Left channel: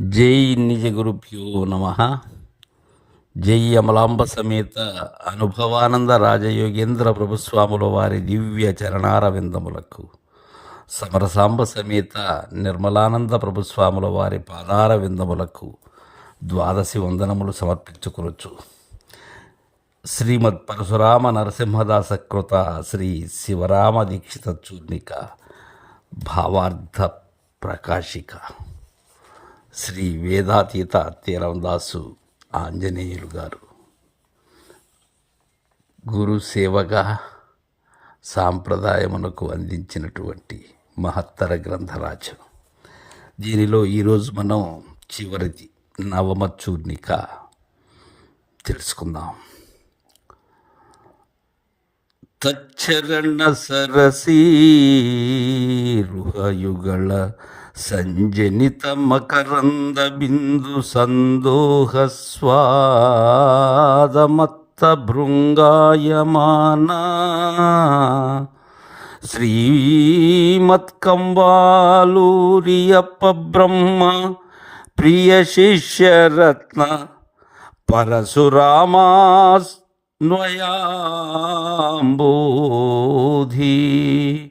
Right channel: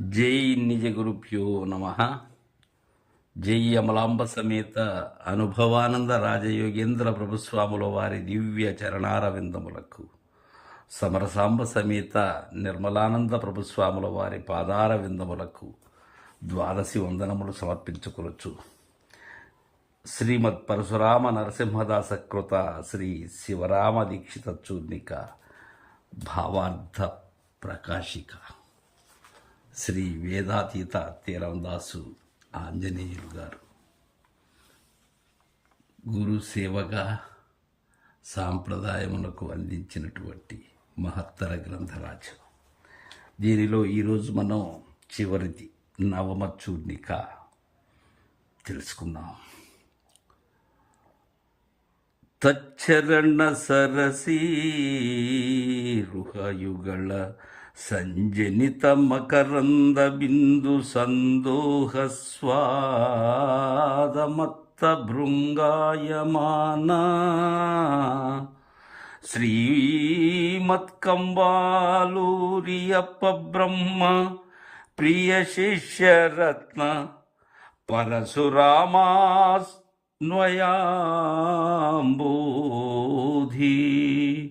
జై నిజ గురుభ్యో నమ. జై అమలాంబ సమేత అనుభవానంద రాజయోగేంద్ర ప్రభుస్వాముల వారి దివ్య చరణార విందములకు సమరసాంబ సమేత నిర్మలానంద ప్రభుస్వాముల వారి పాదార విందములకు ద్వాదశి వందనములు సమర్పించుకొనొచ్చు శ్రీమద్ పరశురామ నరసింహదాస కృత శ్రీ శివరామ దీక్షిత చూర్ణిక భావార్థ ప్రకాశిక. శ్రీ వేదాతీత తీరందాసు ఆంజనేయులు గారు. గురు సేవగా సాంప్రదాయమునకు అందించినటువంటి మహత్తర గ్రంథరాజు. దీనిలో ఈరోజు మనం చివరిది నవమ చూర్ణిక తెలుసుకుందాం. తచ్చరణ సరసీ రుహయుగళ సంజనిత మకరంద బిందు సందోహ స్వాదమత్త భృంగాయమాన. శ్రీమత్కంబాలూరియప్ప బ్రహ్మ ప్రియ శిష్యరత్న పరశురామాన్వయాంబోధీ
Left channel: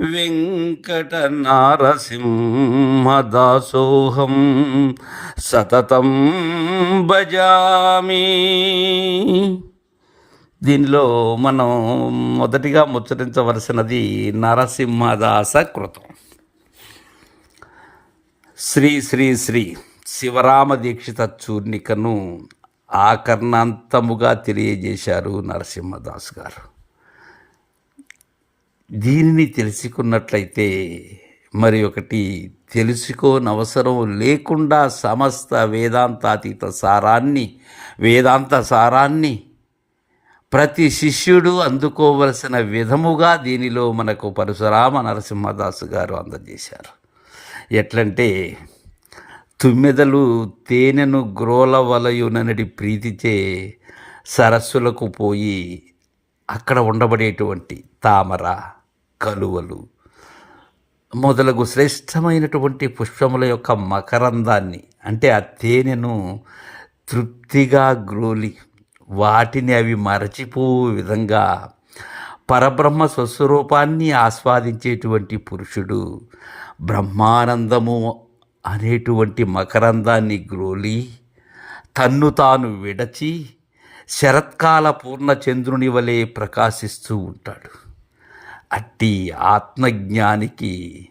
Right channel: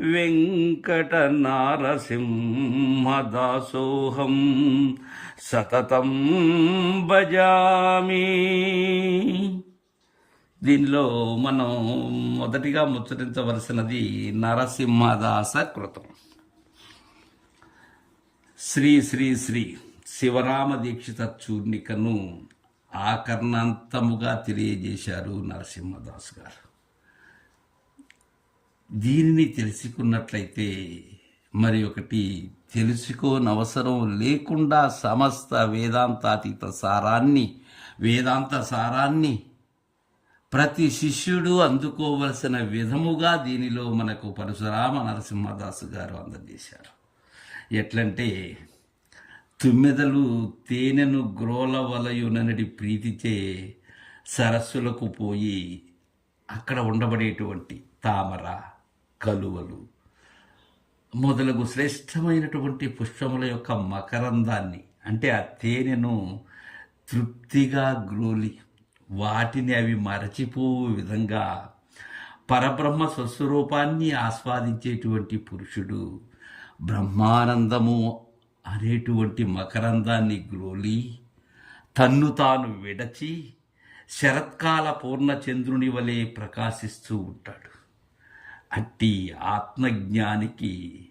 వెంకట నారసింహదాసోహం సతతం భజామి. దీనిలో మనం మొదటిగా ముచ్చరించవలసినది నరసింహదాస కృతం. శ్రీ శ్రీ శ్రీ శివరామ దీక్షిత చూర్ణికను ఆకర్ణాంతముగా తెలియజేశారు నరసింహదాస్ గారు. దీనిని తెలుసుకున్నట్లయితే మరి ఒకటి తెలుసుకోనవసరం లేకుండా సమస్త వేదాంతాతీత సారాన్ని వేదాంత సారాన్ని ప్రతి శిష్యుడు అందుకోవలసిన విధముగా దీనిలో మనకు పరశురామ నరసింహదాసు గారు అందజేశారు. ఎట్లంటే తుమ్మెదలు తేనెను గ్రోలవలయుననడి ప్రీతిచే సరస్సులకు పోయి అక్కడ ఉండబడేటువంటి తామర కలువలు. మొదలగు శ్రేష్టమైనటువంటి పుష్పముల యొక్క మకరందాన్ని అంటే ఆ తేనెను తృప్తిగా గ్రోలి వాటిని అవి మరచిపో విధంగా పరబ్రహ్మ స్వస్వరూపాన్ని ఆస్వాదించేటువంటి పురుషుడు బ్రహ్మానందము అనేటువంటి మకరందాన్ని గ్రోలి తన్ను తాను విడచి శరత్కాల పూర్ణచంద్రుని వలె ప్రకాశిస్తూ ఉంటాడు. అట్టి ఆత్మజ్ఞానికి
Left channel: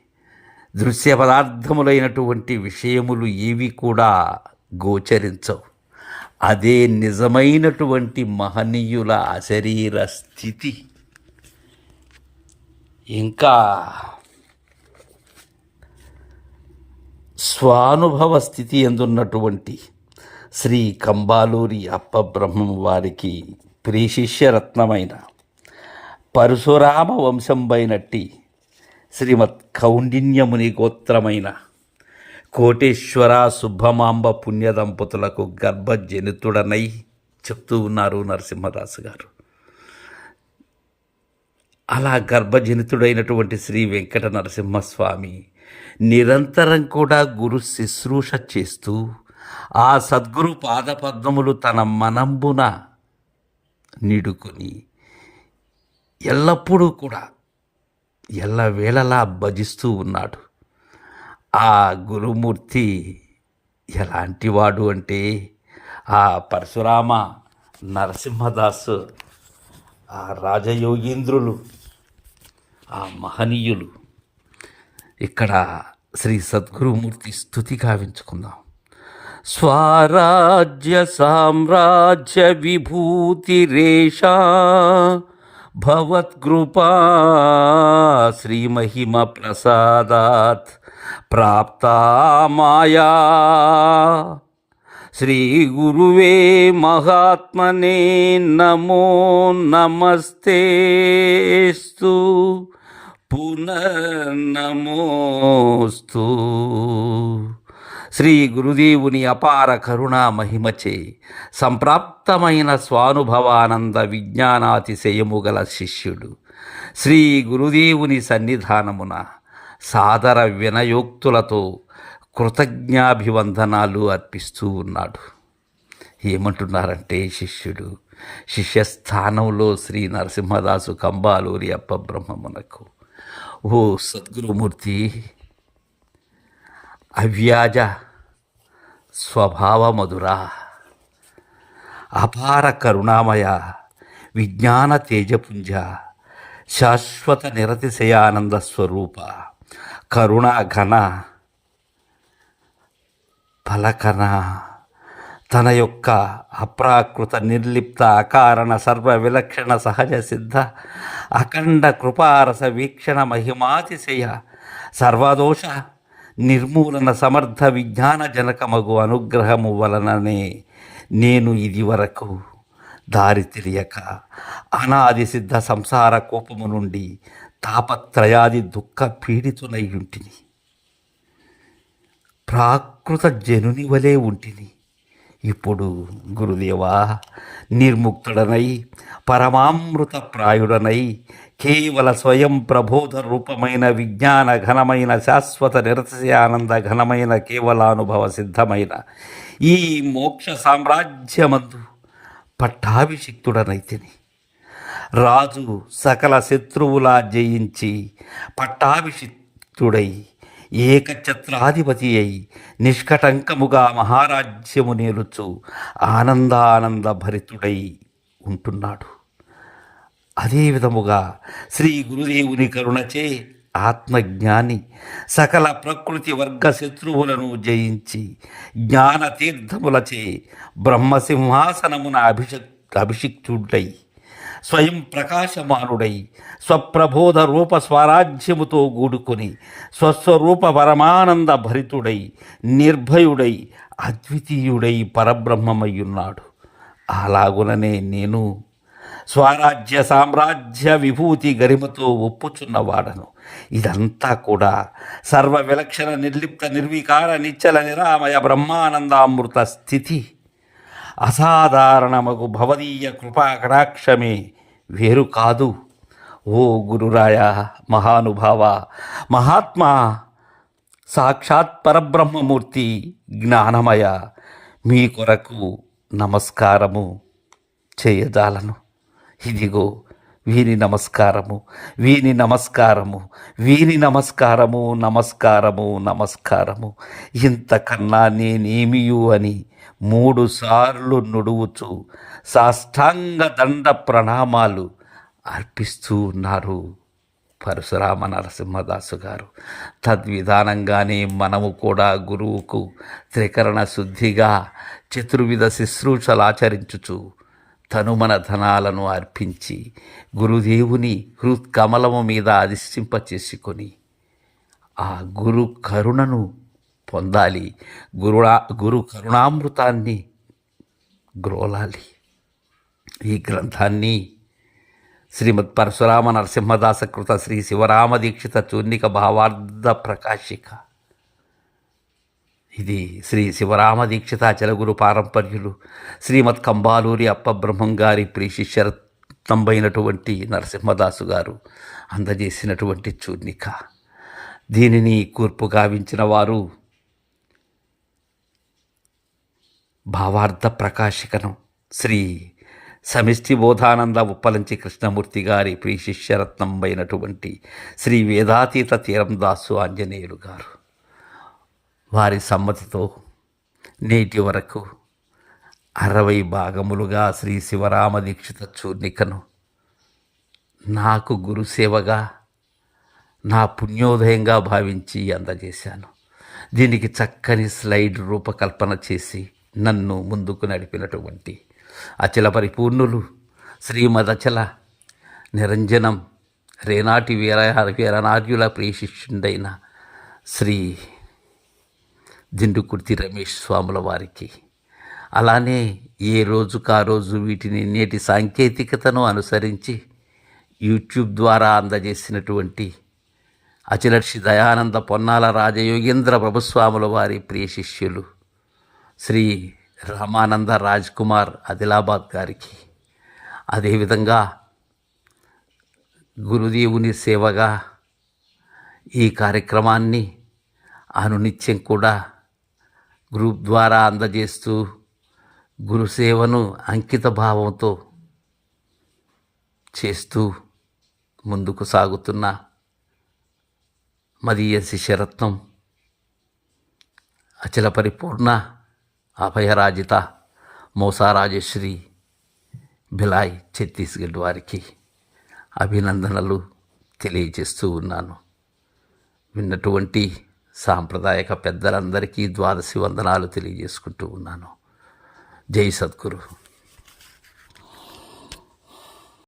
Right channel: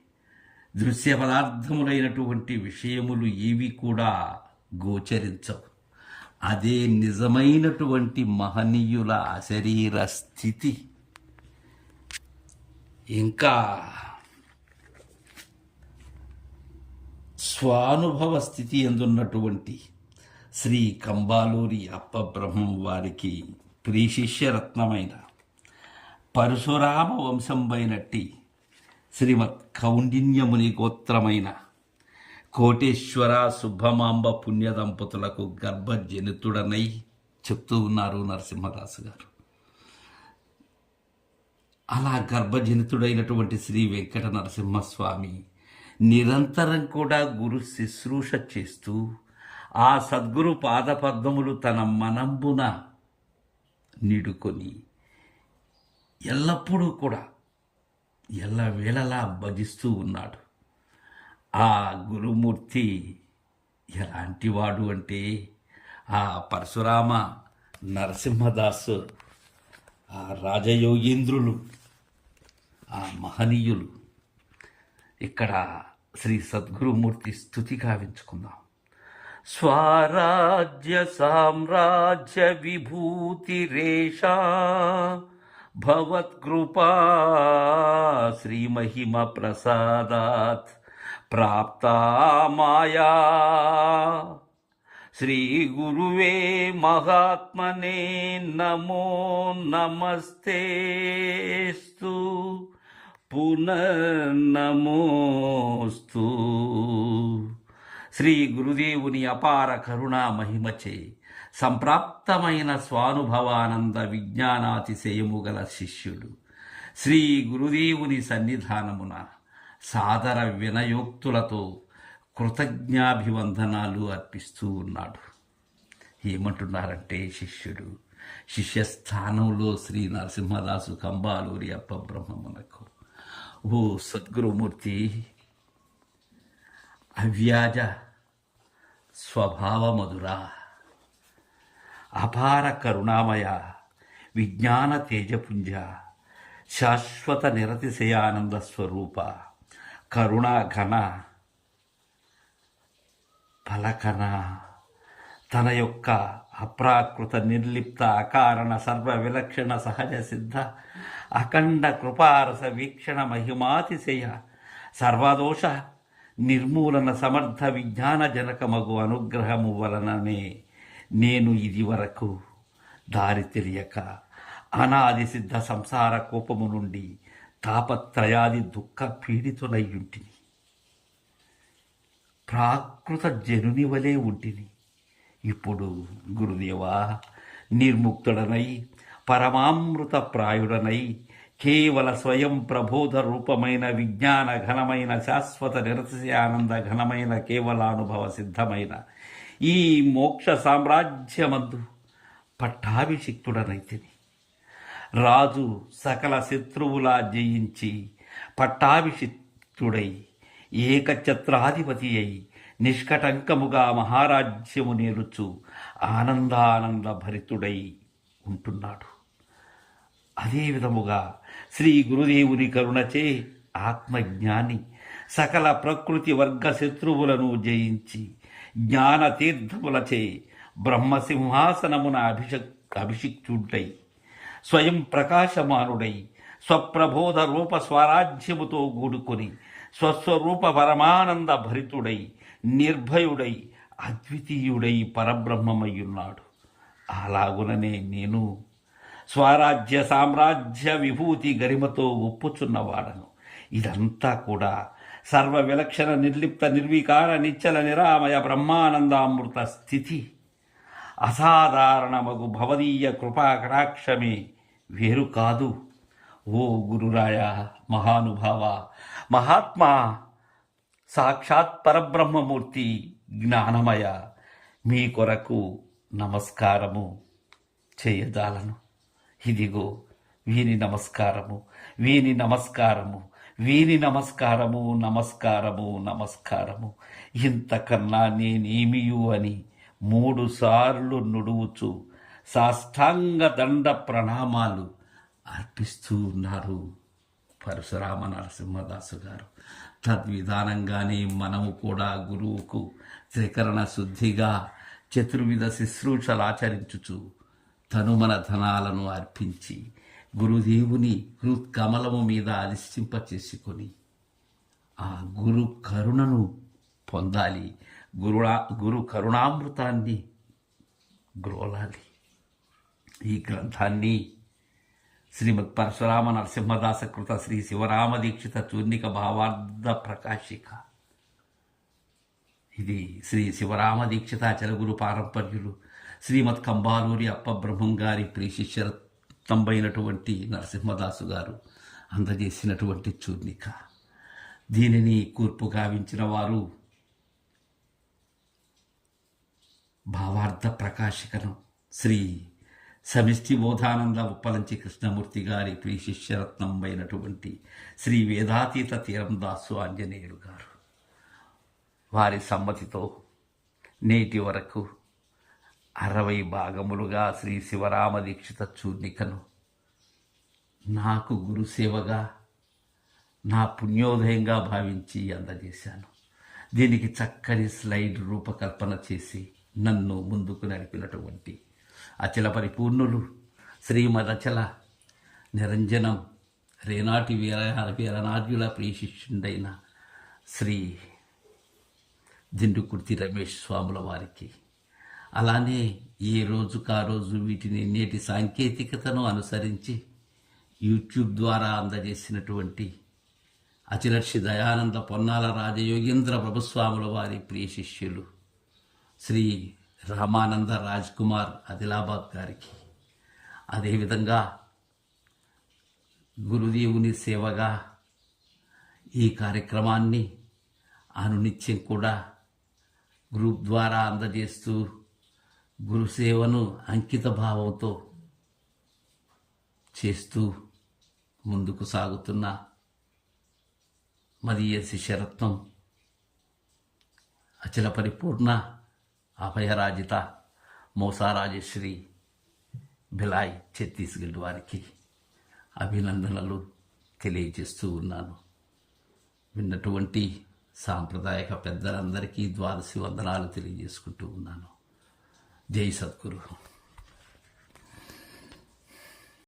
దృశ్య పదార్థములైనటువంటి విషయములు ఏవి కూడా గోచరించవు. అదే నిజమైనటువంటి మహనీయుల అశరీర స్థితి. ఇంకా స్వానుభవ స్థితి ఎందున్నటువంటి శ్రీ కంబాలూరి అప్పబ్రహ్మం వారికి ప్రియశిష్యరత్నమైన పరశురామ వంశంబైనట్టి శ్రీమత్ కౌండిన్యముని గోత్రమైన కోటేశ్వర శుభమాంబ పుణ్య దంపతులకు గర్భజనితుడనై చెప్తూ ఉన్నారు నరసింహదాసు గారు. అలా గర్భజనితుడైనటువంటి శ్రీ వెంకట నరసింహస్వామి నిరంతరం కూడా గురు శుశ్రూష చేస్తూ ఆ సద్గురు పాదపద్మములు తన మనంబున నిడుకొని ఎల్లప్పుడూ కూడా ఎల్లవేళలా భజిస్తూ ఉన్నాడు. ఆ గురుమూర్తి ఎలాంటివాడు అంటే ఆ పరశురామ నరసింహదాసు ఆ రాజయోగీంద్రులు ఆ మహనీయులు. ఇక్కడ శ్రీ సద్గురుమూర్తి స్థుతి గావించుకుందాం. స్వరాజ్య సామ్రాజ్య విభూతిరేషా భవత్కృపా శ్రీమహిమ ప్రసాదాత్ ప్రాప్తా మాయా శ్రీ గురువే మహాత్మనే నమో నమస్తేస్తు పునర్నమోస్తు శ్రీ గురుదేవుని అపార కరుణా మహిమచే సంప్రాప్తమైన స్వానుభవానంద విజ్ఞానాతిశయము గల శిష్యుడు. శ్రీ గురుదేవుని సన్నిధానమున సాదర వినయోక్తులతో కృతజ్ఞాభివందనాలు అర్పిస్తూ ఉన్నాడు. ఏమంటున్నారంటే శిష్యుడు శిష్యస్థానంలో శ్రీ నరసింహదాసు కంబాలూరి అప్పబ్రహ్మమునకు ఓ సద్గురుమూర్తి అవ్యాజ స్వభావమధురా. అపార కరుణామయ విజ్ఞాన తేజపుంజ శాశ్వత నిరతిశయానంద స్వరూప కరుణా ఘన పలకన తన యొక్క అప్రాకృత నిర్లిప్త అకారణ సర్వ విలక్షణ సహజ సిద్ధ అఖండ కృపారస వీక్షణ మహిమాతిశయ సర్వదోష నిర్మూలన సమర్థ విజ్ఞాన జనకమగు అనుగ్రహము వలననే నేను ఇది వరకు దారి తెలియక అనాది సిద్ధ సంసార కోపము నుండి తాపత్రయాది దుఃఖ పీడితునై ఉంటిని. ప్రాకృత జనుని వలె ఉంటిని. ఇప్పుడు గురుదేవా నిర్ముక్తుడనై పరమామృత ప్రాయుడనై కేవల స్వయం ప్రబోధ రూపమైన విజ్ఞాన ఘనమైన శాశ్వత నిరతిశయానంద ఘనమైన కేవలానుభవ సిద్ధమైన ఈ మోక్ష సామ్రాజ్యమందు పట్టాభిషిక్తుడనైతిని. రాజు సకల శత్రువులా జయించి పట్టాభిషిక్తుడై ఏకఛత్రాధిపతి అయి నిష్కటంకముగా మహారాజ్యము నేలుచు ఆనందానంద భరితుడై ఉంటున్నాడు. అదే విధముగా శ్రీ గురుదేవుని కరుణచే ఆత్మజ్ఞాని సకల ప్రకృతి వర్గ శత్రువులను జయించి జ్ఞాన తీర్థములచే బ్రహ్మసింహాసనమున అభిషక్ అభిషిక్తుడై స్వయం ప్రకాశమానుడై స్వప్రబోధ రూప స్వరాజ్యముతో గూడుకొని స్వస్వరూప పరమానంద భరితుడై నిర్భయుడై అద్వితీయుడై పరబ్రహ్మమయ్యున్నాడు. అలాగుననే నేను స్వరాజ్య సామ్రాజ్య విభూతి గరిమతో ఒప్పుచున్నవాడను ఇదంతా కూడా సర్వ విలక్షణ నిర్లిప్త నిర్వికార నిచ్చల నిరామయ బ్రహ్మానందామృత స్థితి. అసాధారణమగు భవదీయ కృపా కటాక్షమే వేరు కాదు. ఓ గురురాయ మహానుభావ మహాత్మా సాక్షాత్ పరబ్రహ్మమూర్తి జ్ఞానమయ మీ కొరకు నమస్కారము చేయజాలను. ఇదిగో వీని నమస్కారము వీని నమస్కారము వీని నమస్కారము నమస్కారము నమస్కారము. ఇంతకన్నా నేనేమియు అని మూడు సార్లు నుడువుచు సాష్టాంగ దండ ప్రణామాలు అర్పిస్తూ ఉన్నారు పరశురామ నరసింహదాసు గారు. తద్విధానంగానే మనము కూడా గురువుకు త్రికరణ శుద్ధిగా చతుర్విధ శుశ్రూషలు ఆచరించుచు తనుమన ధనాలను అర్పించి గురుదేవుని హృత్కమలము మీద అధిష్టింపచేసుకొని ఆ గురు కరుణను పొందాలి. గురుడా గురు కరుణామృతాన్ని గ్రోలాలి. ఈ గ్రంథాన్ని శ్రీమద్ పరశురామ నరసింహదాస కృత శ్రీ శివరామ దీక్షిత చూర్ణిక భావార్థ ప్రకాశిక ఇది శ్రీ శివరామ దీక్షితాచలగురు పారంపర్యులు శ్రీమద్ కంబాలూరి అప్పబ్రహ్మం గారి ప్రీశిష్యరత్నంబైనటువంటి నరసింహదాసు గారు అందజేసినటువంటి చూర్ణిక. దీనిని కూర్పు గావించిన వారు భావార్థ ప్రకాశికను శ్రీ సమిష్టి బోధానంద ఉప్పలంచి కృష్ణమూర్తి గారి ప్రీశిష్యరత్నంబైనటువంటి శ్రీ వేదాతీత తీరందాసు ఆంజనేయులు గారు. వారి సమ్మతితో నేటి వరకు అరవై భాగములుగా శ్రీ శివరామ దీక్షిత చూర్ణికను నాకు గురుసేవగా నా పుణ్యోదయంగా భావించి అందజేశాను. దీనికి చక్కని స్లైడ్ రూపకల్పన చేసి నన్ను ముందుకు నడిపినటువంటి అచల పరిపూర్ణులు శ్రీమదచల నిరంజనం రేనాటి వీర వీరనార్యుల ప్రియశిష్యుడైన శ్రీ దిండుకుర్తి రమేష్ స్వాముల వారికి. అలానే ఏ రోజుకా రోజు వీటిని నేటి సాంకేతికతను అనుసరించి యూట్యూబ్ ద్వారా అందజేసినటువంటి అచిలర్షి దయానంద పొన్నాల రాజయోగేంద్ర ప్రభుస్వాముల వారి ప్రియ శిష్యులు శ్రీ రామానంద రాజ్ కుమార్ ఆదిలాబాద్ గారికి. అదేవిధంగా గురుదేవుని సేవగా ఈ కార్యక్రమాన్ని అనునిత్యం కూడా గ్రూప్ ద్వారా అందజేస్తూ గురుసేవను అంకిత భావంతో చేస్తూ ముందుకు సాగుతున్న మదీయ శిష్యరత్నం అచల పరిపూర్ణ అభయరాజిత మోసారాజశ్రీ భిలాయ్ ఛత్తీస్గఢ్ వారికి అభినందనలు తెలియజేస్తూ ఉన్నాను. విన్నటువంటి సాంప్రదాయక పెద్దలందరికీ ద్వాదశి వందనాలు తెలియజేసుకుంటూ ఉన్నాను. జై సద్గురు.